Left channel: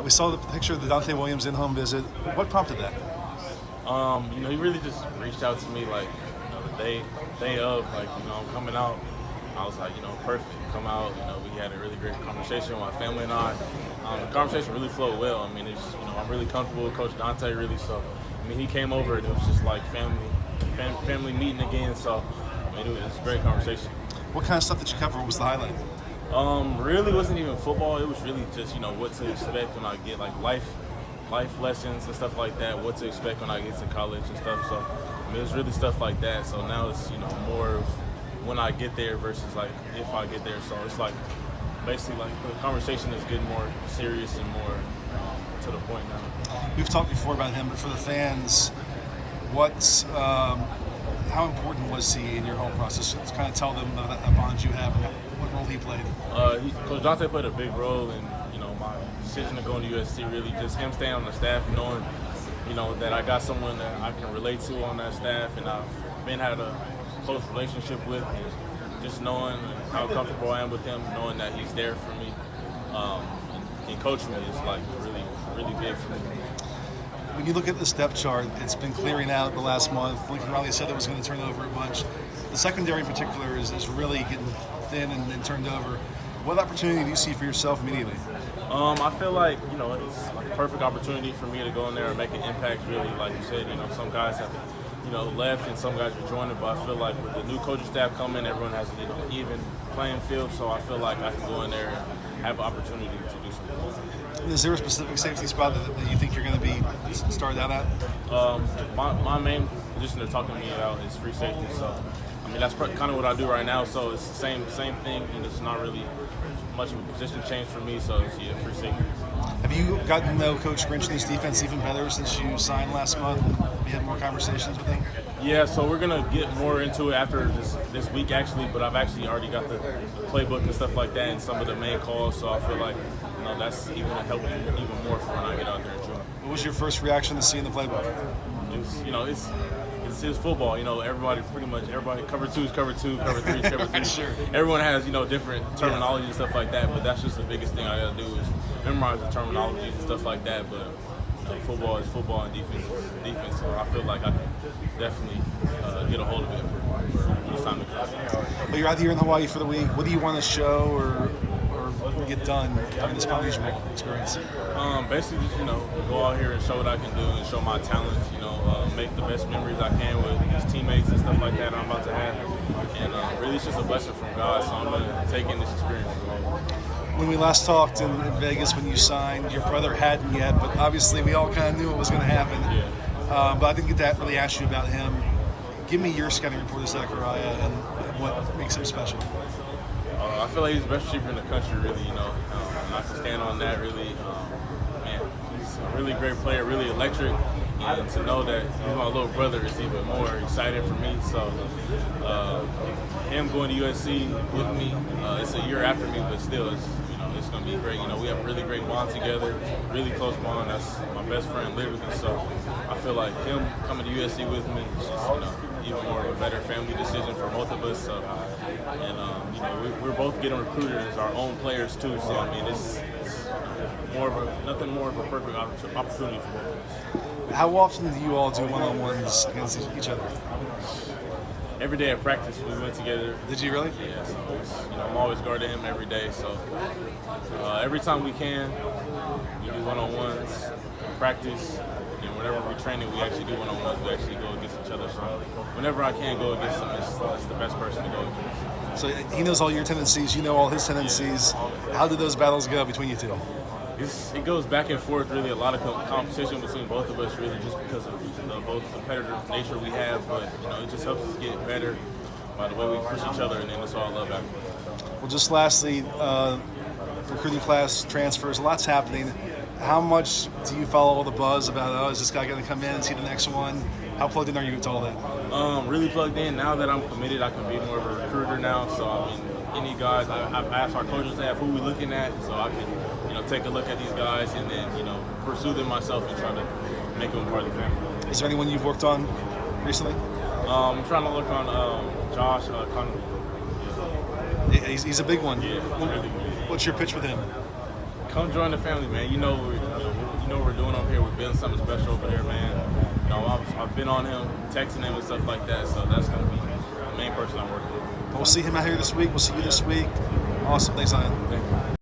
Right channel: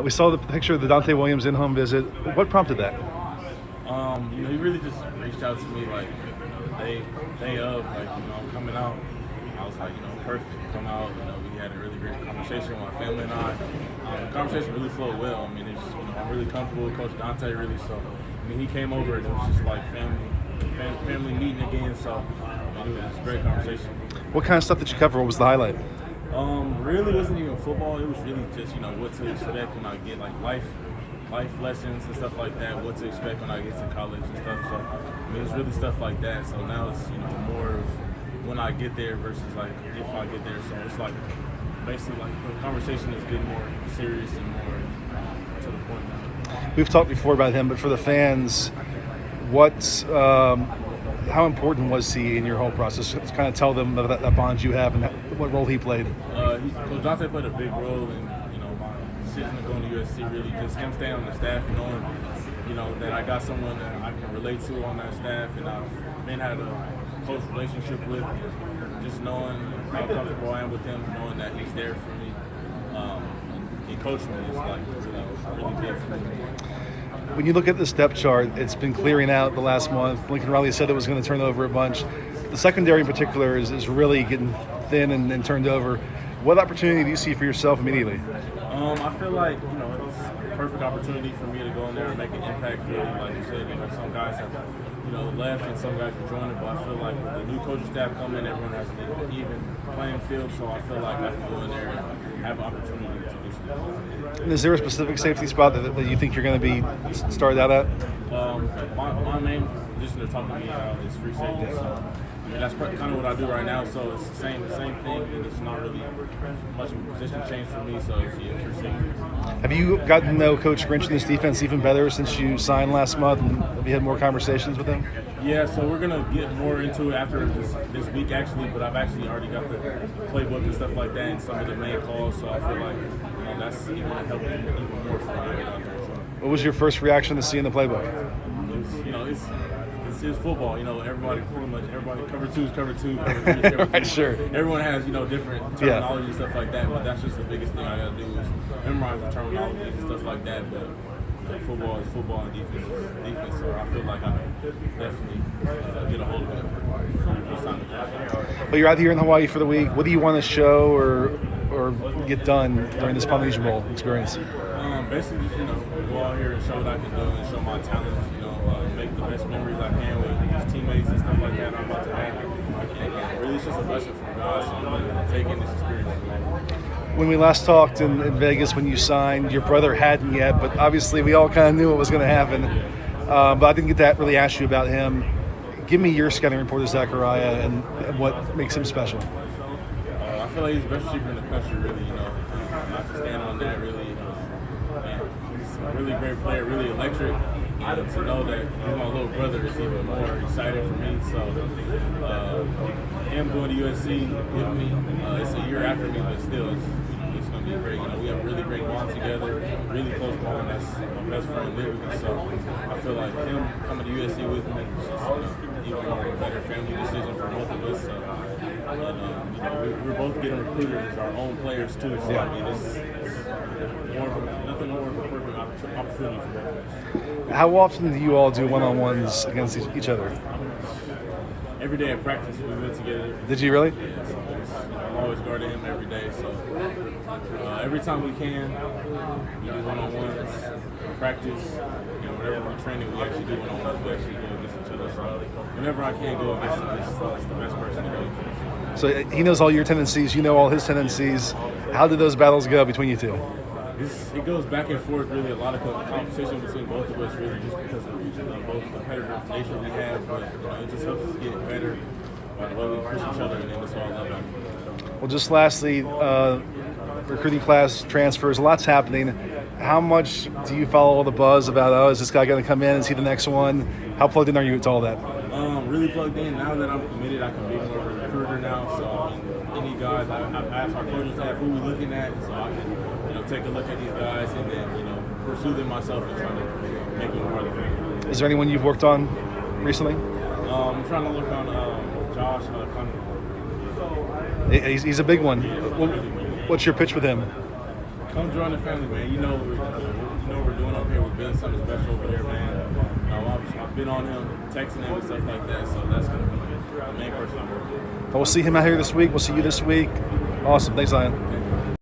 We saw the picture of the Dante Williams in-home visit. What prompted that? He really just reached out to me like, the day of, like, I'm coming out. I was like, perfect. Come out. We had a really great conversation with my family and I. The conversation really flowed well. I mean, I'm really comfortable with Coach Dante, really. So, he came over and it was just like family meeting again. So, it was a great conversation. What kind of stuff did you cover? What was the highlight? Really wasn't even football. It was really just, what to expect when I get like life lessons and stuff like that, what to expect when I get to college and stuff. So, it was really stuff like that. So now it's, more of when I get there versus like if I get there. So it's like basically like the conversation is getting more serious and more to the point now. We've talked before about him, but for the fans, how important was he in your whole process? Kind of tell them that bond you have and what role he played. Coach Dante played a big role in my decision to go into USC. Really, just him staying on the staff, knowing that I got someone that I can relate to on that staff, and I've had a close relationship with, and just knowing how comfortable I am with him, knowing that he's there for me, and coaching me is like really big for me. When you look at the depth chart, it's been clearing out the last month. Lincoln Riley said it was going to turn over a bunch. The secondary in particular is really getting thin and turned over. What opportunity do you see for yourself immediately? I feel like, it's like a perfect opportunity for me to go in there and make an impact, really. Like you said, some guys have, left and some guys are joining, but I feel like with the new coaching staff coming, everyone has an even playing field, so I feel like I can go in there and have an opportunity to do something. Is there a specific safety spot that you think you're going to be started out at? My main position they're talking to me about is free safety, so that's kind of what I do right now, so it's the same thing, and it's not really much of a position change for me, so it's free safety. Have you gotten to know Coach Grinch and this defense even better since you signed last month? And have you had more conversations with him? Yeah, so we're going to get more into it after this week, actually, but I've actually already got the playbook and stuff like that and some of the main calls, so I feel like that's even going to help me even more for when I get out there and join. What was your first reaction to seeing the playbook? It's football, everybody cover two is cover two, cover three is cover three. Sure. Everyone has, different terminology and stuff like that, but that's just the biggest thing I gotta do is memorize the terminology and stuff like that. But football is football and defense is defense, so I feel like I can definitely get a hold of it when it's time to come. Well, you're out here in Hawaii for the week. What do you want to show or get done during this Polynesian Bowl experience? Basically, just, go out here and show what I can do and show my talents, make the best memories I can with his teammates and stuff like that I'm about to have. And really, it's just a blessing from God, so I'm going to take in this experience. When we last talked in Vegas when you signed, your brother hadn't yet, but obviously we all kind of knew what was going to happen. Yeah. But I didn't get to really ask you about him. Give me your scouting report of Zachariah and what makes him special. I feel like he's the best receiver in the country, really, and I can stand on that, really. He's a really great player, really electric, and to know that he's my little brother is even more exciting for me. So him going to USC with me, it's a year after me, but still, it's going to be great. We have a really great bond together, really close bond. That's my best friend, literally. So I feel like him coming to USC with me is just, even more of a better family decision for both of us. So, and we're both getting recruited as our own players too. So it's nothing more of a perfect opportunity for both of us. How often do you all do one-on-ones against each other? Every day at practice we went together. Did you really? Yeah. So I'm always guarding him every day. So every time we can, we do one-on-ones. Practice. Whenever we're training, we actually do one-on-ones. We actually go against each other. So whenever I can go against him, it's the best person to go against. So he knows all your tendencies. You know all his tendencies. How do those battles go between you two? It goes back and forth, really. A lot of competition between both of us, really, just because of both competitive nature we have. But it just helps us get better by the way we push each other, and then it's all love after. Well, just lastly, recruiting class transfers. A lot's happening. How much do you follow all the buzz about? Is this guy going to come in and see the next one? How plugged in are you to all that? Really plugged in. Now that I'm committed, I can be more of a recruiter now. So any guys, I've asked our coaching staff who we're looking at, so I can take a look at these guys and then pursue them myself and try to make them part of the family. Is there anyone you've worked on recently? I'm trying to look on Josh. He's a big one. Yeah, Well, really good. what's your pitch with him? come join the family, man. You know what we're doing up here. We're building something special over there, man. You know, I've been on him, texting him and stuff like that. So that's gonna be the main person I'm working with. We'll see him out here this week. We'll see you this week. Awesome. Thanks, Zion. Okay.